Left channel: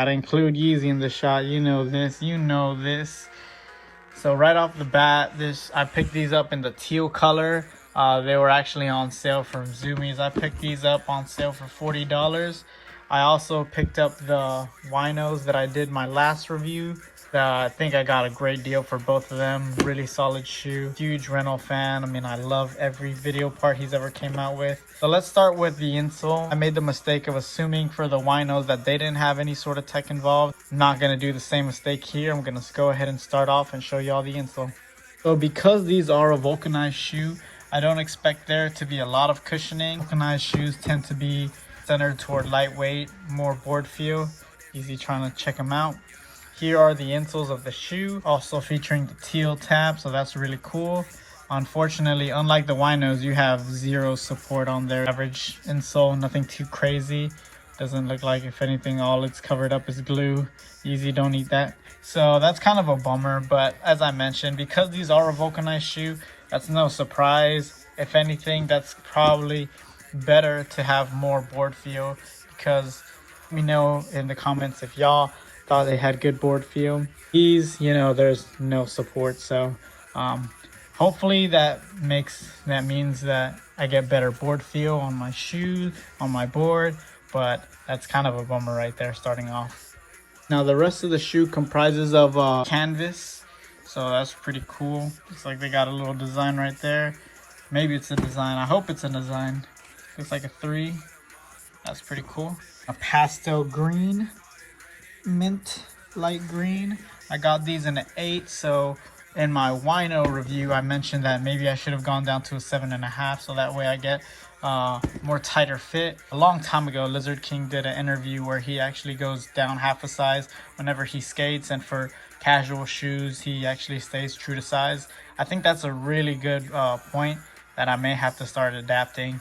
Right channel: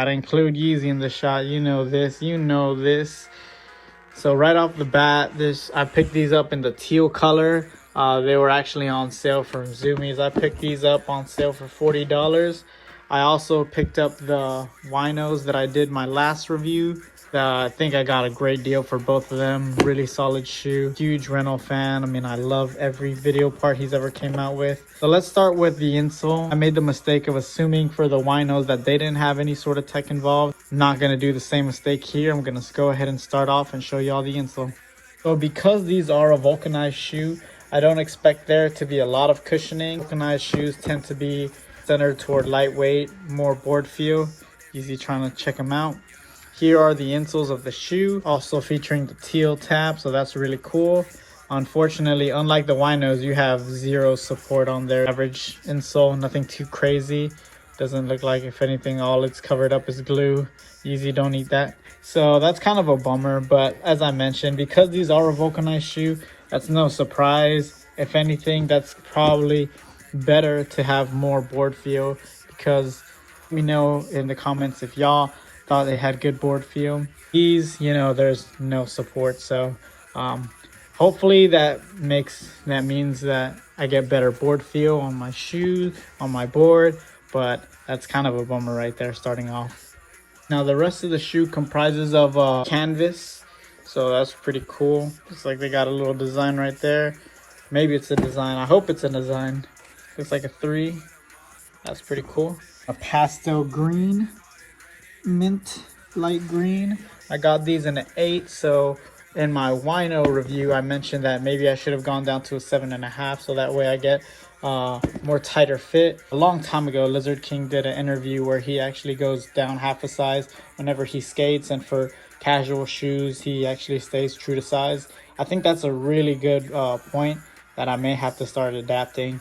Gotta include Yeezy in the shot. You know this. You know this. So right off the bat, I picked these up in the teal color. They were actually on sale from Zoomies. I picked these up on sale for $40. I also picked up the Ryenolds that I did my last review. I think I got a great deal for both of them. Really solid shoe. Huge Reynolds fan. I mean, I love every video part he's ever came out with. So let's start with the insole. I made the mistake of assuming for the Ryenolds that they didn't have any sort of tech involved. I'm not gonna do the same mistake here. I'm gonna go ahead and start off and show you all the insole. So because these are a vulcanized shoe, I don't expect there to be a lot of cushioning. Vulcanized shoes tend to be centered toward lightweight, more board feel. Easy trying to check them out. Here are the insoles of the shoe, also featuring the teal tab, so that's really cool. Unfortunately, unlike the Ryenolds, you have zero support on their average insole, nothing too crazy. Doesn't look like, if anything, all it's covered up is glue. Easy, don't eat that. So that's kind of a bummer, but as I mentioned, because these are a vulcanized shoe, that's no surprise. If anything, that's probably better to have more board feel, because we know in the comments if y'all thought they had good board feel. These, you know, there's no support, so hopefully that means that I get better board feel on my shoe, on my board, but that's kind of a bummer right there starting off. Now the rest of the shoe comprises of canvas, so that's pretty cool. Looks like they got a little design right there. Maybe it's a design. I hope it's a design. Looks like a 3. That's pretty cool. A pastel green, mint light green. I got these in an 8, so in my wino review I mentioned that maybe I should have gone down to a 7.5, so that way I get more tighter fit. A long time ago, Lizard King did an interview where he actually goes down half a size whenever he skates, and for casual shoes he actually stays true to size. I think that's a really good point that I may have to start adapting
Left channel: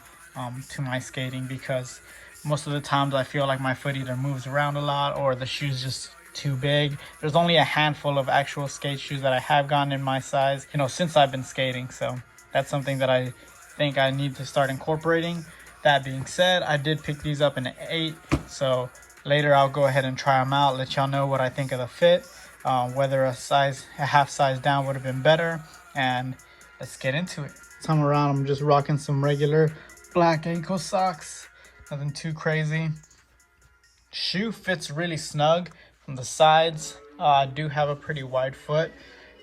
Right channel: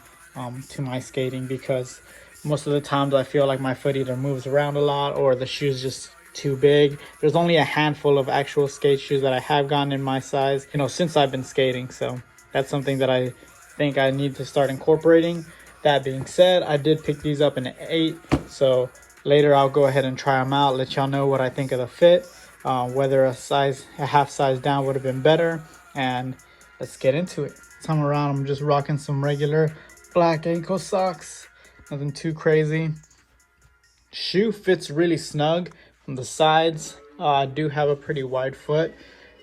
to my skating, because most of the times I feel like my foot either moves around a lot or the shoe's just too big. There's only a handful of actual skate shoes that I have gotten in my size, you know, since I've been skating. So that's something that I think I need to start incorporating. That being said, I did pick these up in an 8, so later I'll go ahead and try them out, let y'all know what I think of the fit, whether a half size down would have been better, and let's get into it. This time around I'm just rocking some regular black ankle socks, nothing too crazy. Shoe fits really snug from the sides. I do have a pretty wide foot,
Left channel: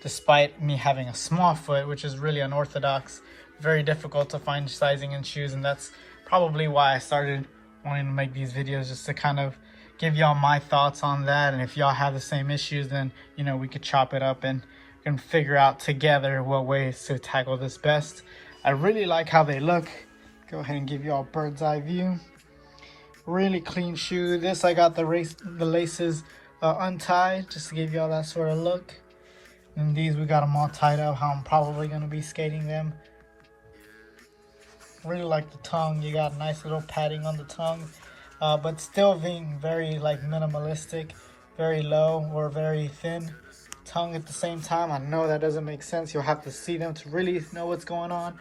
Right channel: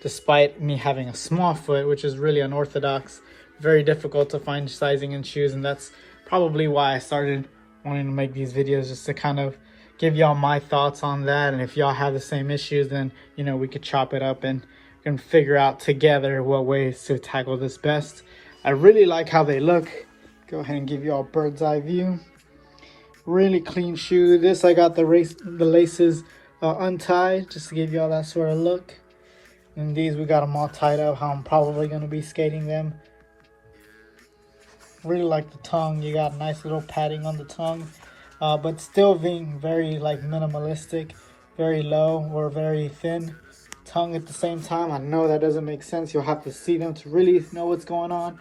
despite me having a small foot, which is really unorthodox. Very difficult to find sizing in shoes, and that's probably why I started wanting to make these videos, just to kind of give y'all my thoughts on that. And if y'all have the same issues, then, you know, we could chop it up and figure out together what ways to tackle this best. I really like how they look. Go ahead and give you all a bird's eye view. Really clean shoe. This, I got the laces untied, just to give you all that sort of look. And these, we got them all tied up how I'm probably going to be skating them. Really like the tongue. You got nice little padding on the tongue, but still being very like minimalistic, very low or very thin tongue at the same time. I know that doesn't make sense. You'll have to see them to really know what's going on,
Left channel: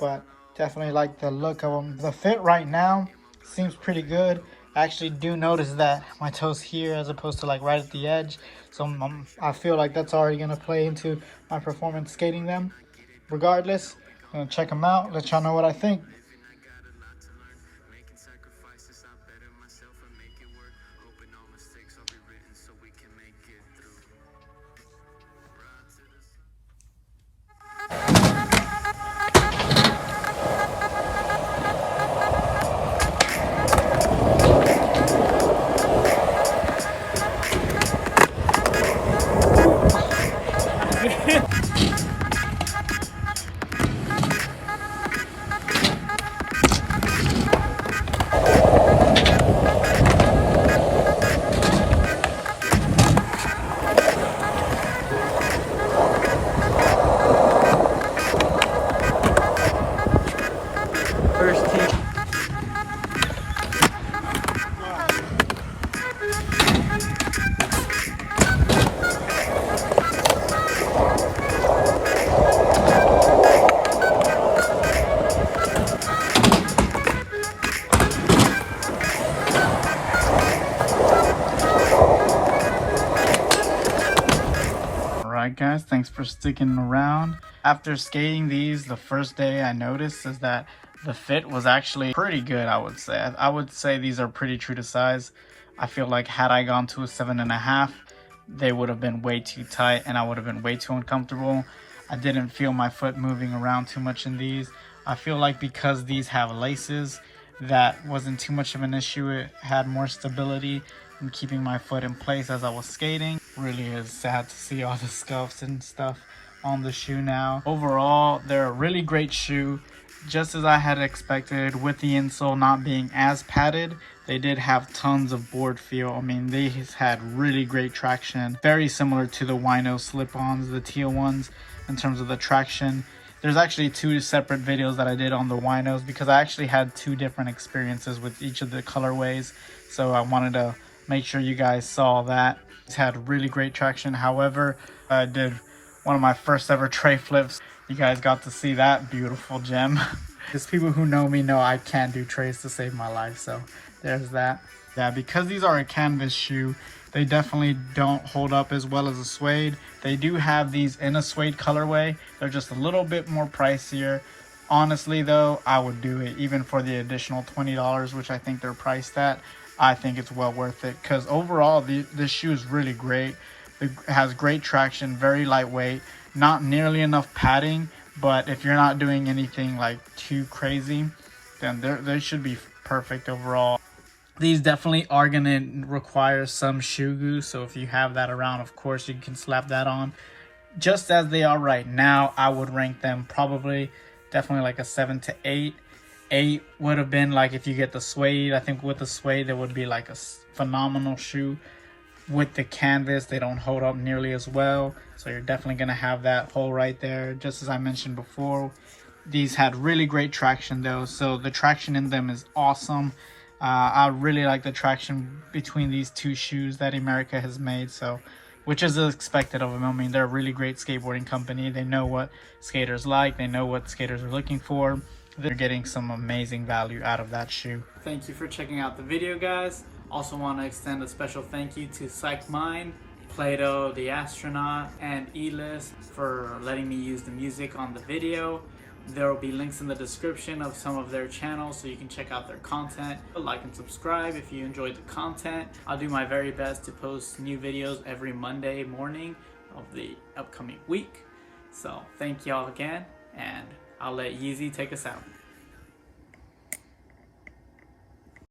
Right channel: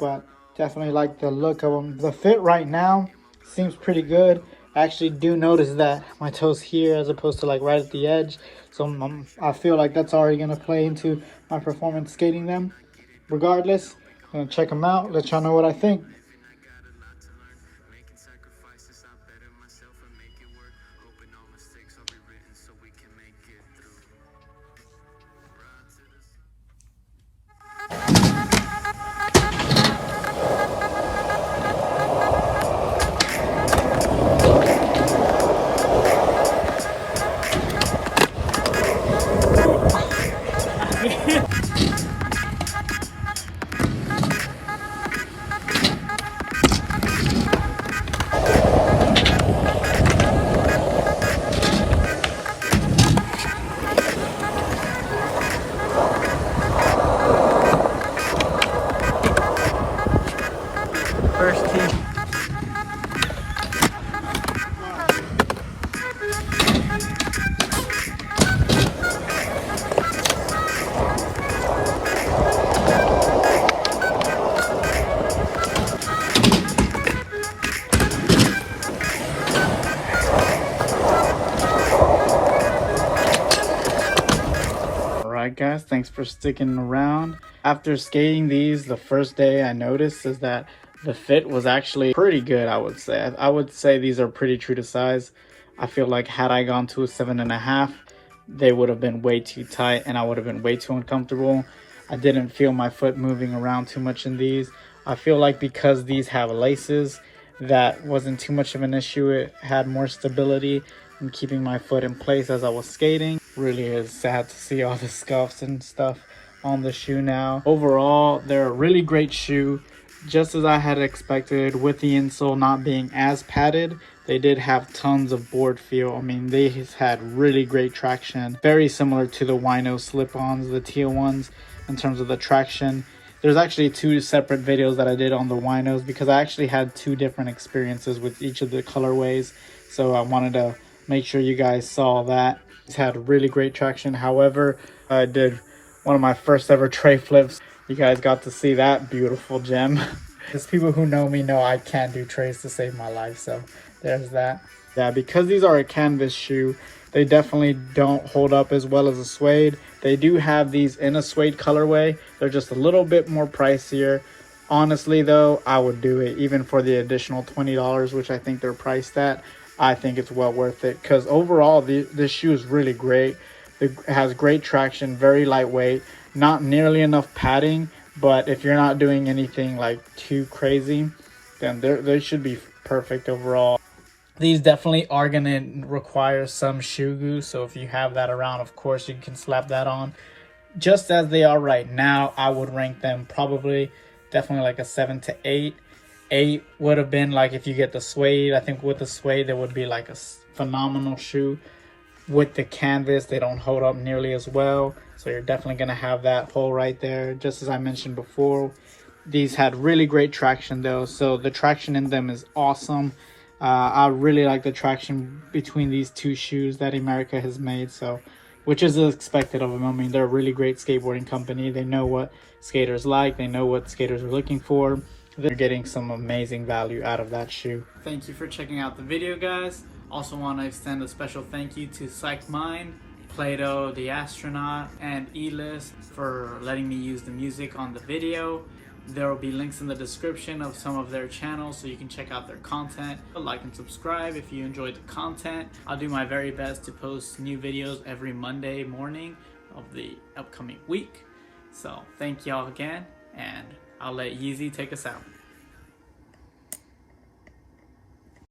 but definitely like the look of them. The fit right now seems pretty good. I actually do notice that my toes here as opposed to like right at the edge, so I feel like that's already going to play into my performance skating them. Regardless, I'm gonna check them out, let y'all know what I think. guys, thanks for sticking around. After skating these the first day, I noticed is that the fit was actually pretty good. I would say these are pretty true to size. I feel like had I gone to a 7.5, they would have been way too tight and I would have been way too uncomfortable. I didn't feel my foot moving around too much in these. I feel like because these have laces, that wasn't too much of an issue. It had more stability in keeping my foot in place as I was skating. Really is sad to see all the scuffs and stuff on the shoe now. Overall, they're a really great shoe, just as I had expected. With the insole not being as padded, they did have tons of board feel. I mean, they had really great traction, very similar to the Ryenolds slip-ons, the teal ones, in terms of the traction. There's actually 2 separate videos that I did on the Ryenolds because I actually had 2 different experiences with each of the colorways, so I wanted to make sure you guys saw that. It's had really great traction. However, I did one of my first ever tray flips. You guys got to see that beautiful gem. Because people who know me know I can't do trays to save my life, so there's that. Yeah, because these are a canvas shoe, they definitely don't hold up as well as a suede. They do have these in a suede colorway. They're just a little bit more pricier. Honestly though, I would do it even for the additional $20, which I think they're priced at. I think it's well worth it because overall this shoe is really great. It has great traction, very lightweight, not nearly enough padding, but if you're not doing anything like too crazy, then they should be perfect overall. These definitely are going to require some shoe glue, so if you have that around, of course, you can slap that on. Just as they are right now, I would rank them probably definitely like a 7 to 8. 8 would have been like if you get the suede. I think with the suede, there would be like a phenomenal shoe. With the canvas, they don't hold up nearly as well, so you're definitely going to have that hole right there. Just as I mentioned before, these had really great traction though, so the traction in them is awesome. I really like the traction between these 2 shoes that Emerica has made, so which is expected of them. I mean, they're a really great skateboarding company. They know what skaters like. They know what skaters are looking for. They're getting some amazing value out of that shoe. Thank you for checking out the video, guys. Also want to extend a special thank you to Psych Mind, Plato the Astronaut, and E-List for letting me use the music on the video. There will be links in the description of some of their channels so you can check out their content. Like and subscribe if you enjoyed the content. I'll do my very best to post new videos every Monday morning of the upcoming week. So thank y'all again, and I'll let Yeezy take us out.